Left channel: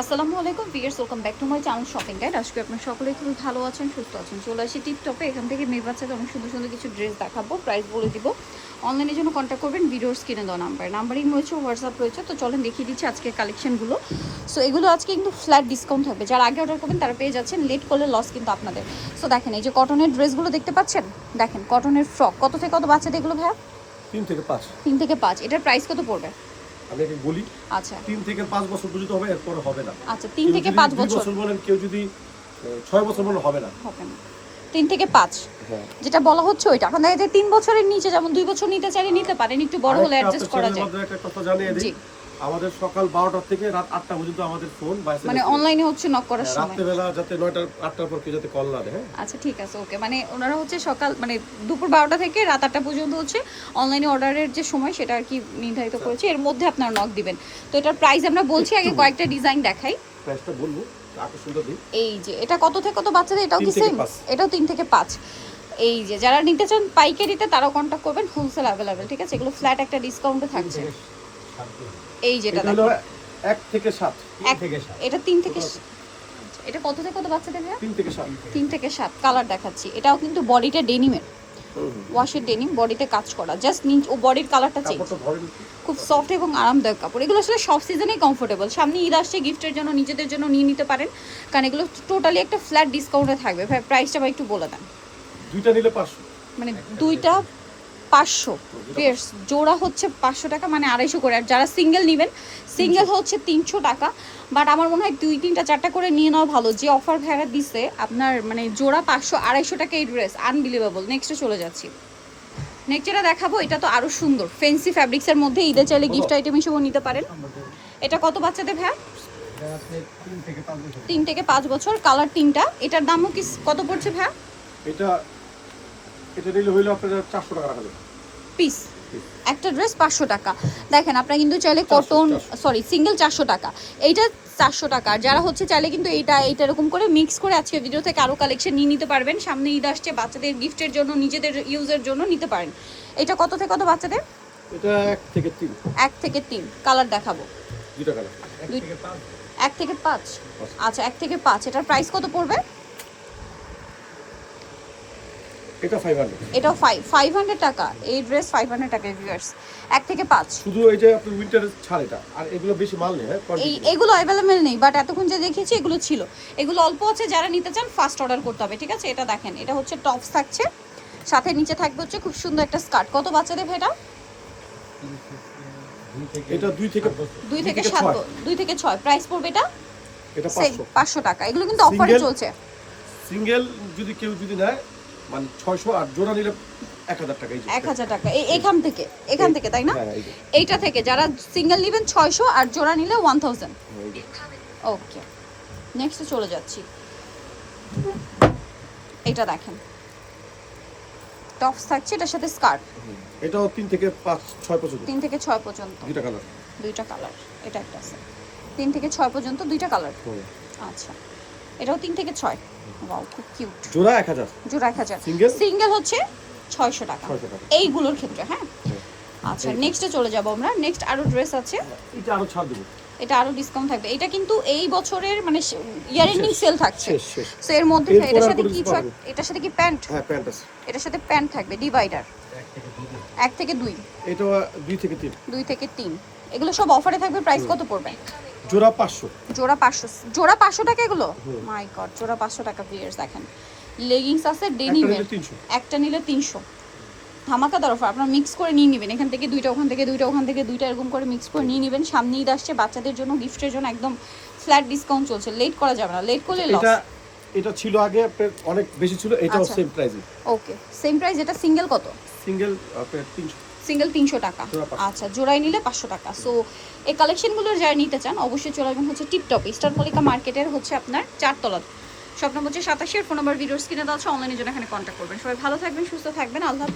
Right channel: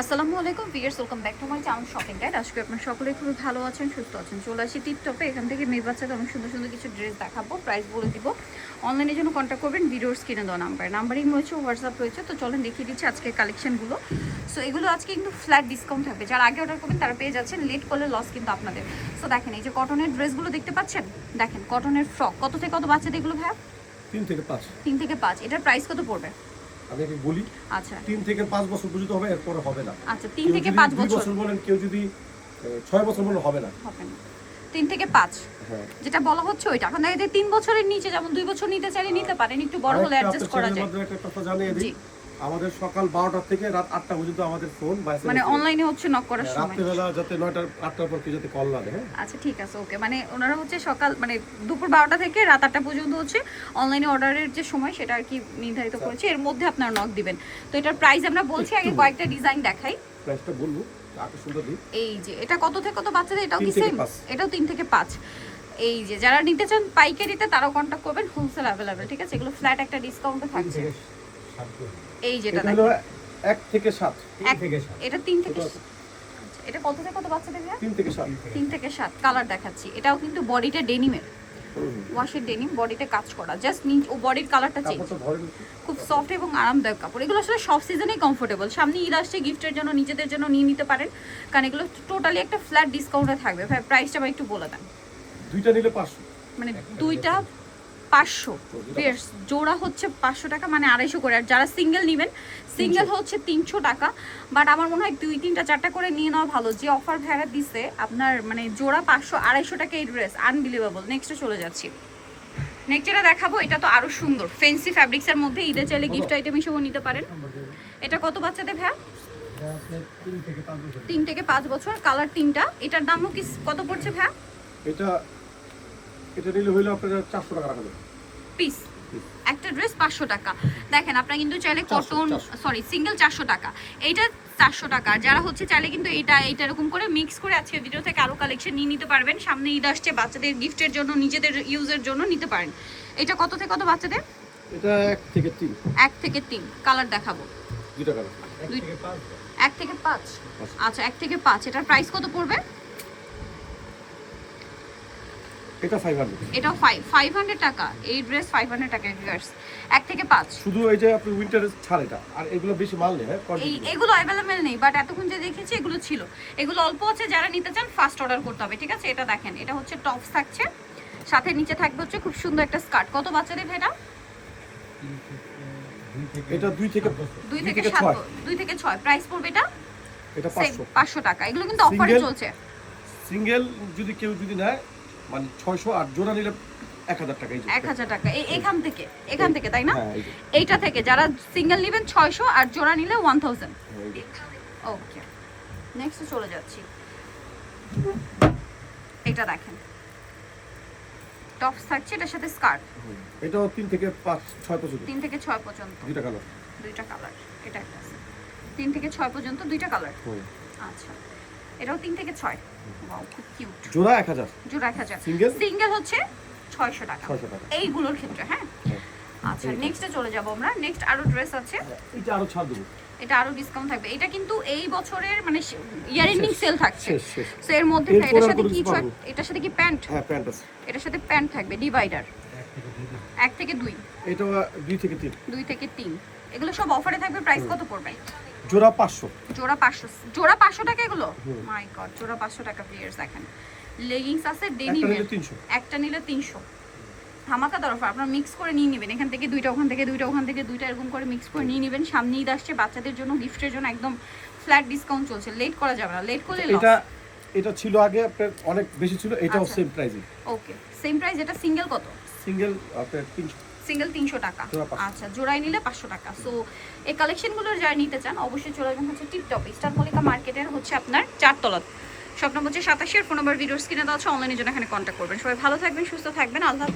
আসসালামু আলাইকুম viewers welcome back to my channel shopping guide আজকে আপনার সকলে খুবই ভালো আছেন সুস্থ আছেন। চলে আসি টিপটপে এখান থেকে মেয়ে বাচ্চাকে অনেক সুন্দর সুন্দর কিছু ড্রেস দেখাবো প্রাইস বলে দিব। অনলাইনের জন্য কন্ট্যাক্ট করবেন ভিডিওর স্ক্রিনে দেওয়া নাম্বার নাম্বারিং রয়েছে হোয়াটসঅ্যাপ রয়েছে। তো চলেন দেখিয়ে দিচ্ছি আজকের কালেকশনগুলো সো এগুলো আজকে কিন্তু ফ্ল্যাট ডিসকাউন্ট থাকবে যারা আগে অর্ডার করবেন তারা পেয়ে যাচ্ছেন। লেট করলে লস কিন্তু আপনাদের। সো দেখেন এই যে কটনের ড্রেসগুলো দেখতে পাচ্ছেন? দেখেন কটনের ফ্রক কত থেকে কত বাচ্চাদের এগুলো ভাইয়া? তিন থেকে পাঁচ। তিন থেকে পাঁচ। এটার প্রাইস কত পড়বে? আমি বলি আচ্ছা। তিন থেকে পাঁচ বছর পর্যন্ত হবে এরপরে হবে না। আচ্ছা তিন থেকে পাঁচ বছর। বলেন কেউ যদি ছয় বছর বলেন হবে না। তিন থেকে পাঁচ। হ্যাঁ। যেটা বলা হচ্ছে ওইটা। এখন দেখা যায় তিন বছরের নিচে যেমন দুই বছর নিতে চাইলে নিতে পারেন একটু বড় হলে অ্যাডজাস্ট করা যায়। একটা কথা জানিয়ে দিই। আমাদের সকাল বারোটা থেকে রাত আটটা পর্যন্ত আমাদের ফোন মানে অনলাইনে হচ্ছে নক করার সময়? রাত্রেবেলা যাতে নয়টার আটটার পর কেউ যাতে কল না দেয় হ্যাঁ। আচ্ছা ঠিক আছে ওকে মানে ওনারা হচ্ছে সকাল মানে দুপুর বারোটা থেকে রাত আটটা পর্যন্ত হচ্ছে অনলাইনে অর্ডারের যে সময় সেটা আর কি নির্ধারিত আচ্ছা। করেছে। এর মধ্যে আপনারা নক দিবেন। তো এটার প্রাইস আমরা বলছি আগে কয়েকটা ডিজাইন দেখাই। প্রাইসটা বলব এই যে এটা কত থেকে কত বাচ্চাদের? এটাও কি সেম এটাও তিন থেকে পাঁচ। এই যে যারা নিতে চান পাইকারিতে তারাও কন্ট্যাক্ট করবেন হোলসেল অ্যাভেলেবেল ঠিক আছে? এগুলো ফ্ল্যাট একটা ডিসকাউন্টে থাকছে। এই যেটা এটা হলো এক থেকে সাত। এটা তিন থেকে এটা কত থেকে কত বাচ্চাদের? তিন থেকে সাত। তিন থেকে সাত। কালার দেখাচ্ছি। এটাও কিন্তু বডিটা ডেনিমের। ওয়াশের ডেনিম বডিতে কাজ করা। জাস্ট ও বডির কালারটা চেঞ্জ খুব সফট এবং আরামদায়ক কাপড়। এগুলো আসলে সব সিজনেই কমফোর্টেবল সামনে ঈদ আসছে গিফটের জন্য নিজেদের জন্য নিয়ে নিতে পারেন। কারণ এগুলো টোটালি একটা ফ্ল্যাট ডিসকাউন্টে থাকবে। প্রাইসটা বা একটু বলে দেন। দুইটা নিলে পাঁচশো। মানে দুইটা পাঁচশো। পেয়ার্স জোড়া হচ্ছে পাঁচশো টাকা মানে আড়াইশো করে। আর যারা সিঙ্গেল নেবেন সিঙ্গেল হচ্ছে তিনশো টাকা। বাট আমার মনে হয় দুই তিনটা চারটা করে নিয়ে নেওয়া ভালো। যে অফার ভ্যারা দিছে আপনার মানে জোড়া পাঁচশো আড়াইশো টাকা এই ড্রেস আনবিলিভেবল নেক্সটে চলে যাচ্ছি। নেক্সট যেটা দেখাবো এটা তো আরও সুন্দর। ফেন্সি ফ্যাব্রিক্সের মধ্যে ঈদের চাইলে গিফট আইটেম হিসেবেও নিতে পারেন। এটা কত বাচ্চাদের ভ্যা তিন থেকে পাঁচ বছর। কালার তিনটা। এটার দামও কি কত পড়ছে ভ্যা এটা এটা নিলে হইল আপনার চারশো টাকা রাখা যাবে। পিস একটা ড্রেস পাঁচশো টাকা। দেখেন আপনারা কিন্তু চাইলে কটন সরি সিঙ্গেল চারশো টাকা। এইটা চারশো টাকা। যারা হচ্ছে চাইলে কিন্তু এইটা এইটা এরকম করে মিক্স করে আজকে ভিডিও থেকে আরও কালেকশন নিয়ে নিতে পারবেন। সামনে ঈদ আসছে বাচ্চাদের গিফটের জন্য নিজেদের ইউজের জন্য নিতে পারেন। এটা কত থেকে কত বাচ্চাদের? এটা এক থেকে তিন। এক থেকে তিন। কালার দেখাবো। দুইটা কালার এক থেকে পাঁচ। আচ্ছা এক থেকে পাঁচ। এটার প্রাইস কত পড়বে? এটা ফাইভ হান্ড্রেড এটাও ফাইভ ফাইভ হান্ড্রেড টাকা। এই ড্রেস ফাইভ হান্ড্রেড টাকা ভিউয়ার্স এক থেকে পাঁচ। শুধু এই যে আপনার উইন্টারের ছাড় এটা। আর এগুলো বেশি মাল নেই হ্যাঁ এই এগুলো অ্যাভেলেবেল নেই বাট এতক্ষণ যে দেখিয়েছি এগুলো ছিল। এগুলো অল্প আছে যারা নিতে চান ফার্স্ট অর্ডার করতে হবে ঠিক আছে? এটা দেখেন এটা হচ্ছে টপস থাকছে। সাথে নিচে থাকবে হচ্ছে খুব সুন্দর একটা স্কার্ট কত বাচ্চাদের ভেটা এটা দুই থেকে দুই থেকে সাত ছয়। দুই থেকে ছয়। প্রাইস পড়বে এটা? এটা Same, পাঁচশো। পাঁচশো টাকা। এগুলো কিন্তু অফারে চলছে। সিঙ্গেল যদি কেউ যদি নেয় মানে ছয়শো আর জোড়া নিলে এক হাজার টাকা এক হাজার টাকা। এখান থেকে এখান থেকে তাই না? হ্যাঁ এইটা থেকে যারা সিঙ্গেল নেবেন ছয়শো আর জোড়া নিলে ওয়ান থাউজেন্ড। ওকে নেক্সটে চলে যাচ্ছি। এটা দেখেন। টপস থাকছে এটার সাথে স্কার্ট। এটাও তিন থেকে পাঁচ ছয় পর্যন্ত। তিন থেকে ছয় পর্যন্ত। দুইটা কালার দুইটা কালার এটা একটা আছে। তিন থেকে ছয় পর্যন্ত দুইটা কালার আচ্ছা। এটাও তিন থেকে ছয়। ওয়াও খুব কিউট জোড়া এক হাজার। জোড়া এক হাজার। Single? সিঙ্গেল হচ্ছে ছয়শো টাকা। এইগুলোর ক্ষেত্রে হ্যাঁ? হ্যাঁ। আচ্ছা। নেক্সটে চলে যাব আমরা। নেক্সট আরও ড্রেস আছে। এটা আরও ছাড় দেবো। এটা আরও ডিসকাউন্ট থাকবে। এটা কিন্তু এই বছরের মানে ইয়ার এন্ডিং সেল থাকছে। সো এর মধ্যে এটার সাথে কি এটার সাথে কি প্যান্ট হ্যাঁ প্যান্ট আছে। এটার সাথে প্যান্ট থাকবে ডিভাইডার এক থেকে দুই। এটা দুই থেকে তিন। দুই থেকে তিন। এগুলো সব অফারে থাকবে প্রাইস কত পড়বে? জোড়া পাঁচশো। জোড়া পাঁচশো। জোড়া পাঁচশো টাকা এগুলো? মাই গড জোড়া পাঁচশো টাকা পিয়ার্স দেখেন। লেগিংস আছে ডেনিমের একটা নিলে তিনশো। ধামাকা তরফ আপনারা মিক্স করে নিয়ে নেবেন। এখান থেকে দুইটা ওখান থেকে দুইটা ওখান থেকে দুইটা এরকম করে মিক্স করে নিয়ে নেবেন। সামনে ঈদ আসছে বাচ্চাদের জন্য গিফটের জন্য একদম ফ্ল্যাট ডিসকাউন্ট চলছে। লেট করা যাবে না। লেট করলে লস এটা এটা ছিল আগে আপনার অনেক বেশি ছিল এটাও। সেম প্রাইসে ওকে সেম প্রাইস এটা সিঙ্গেল কত? সিঙ্গেল আপনার তিনশো। সিঙ্গেল তিনশো টাকা। আচ্ছা জোড়াই নিলে পাঁচশো টাকা। সো এই কালেকশনগুলো যারা নিতে চান অবশ্যই চলে আসবেন হচ্ছে টিপটপ স্টার মলিকা মার্কেটের হচ্ছে আপনার চারতলা। নম্বর হচ্ছে সাতাশের ফোন নম্বর ভিডিও স্ক্রিনে দেওয়া আছে অনলাইনের জন্য এখানে কন্ট্যাক্ট করবেন। সবাই ভালো থাকবেন সুস্থ থাকবেন আল্লাহ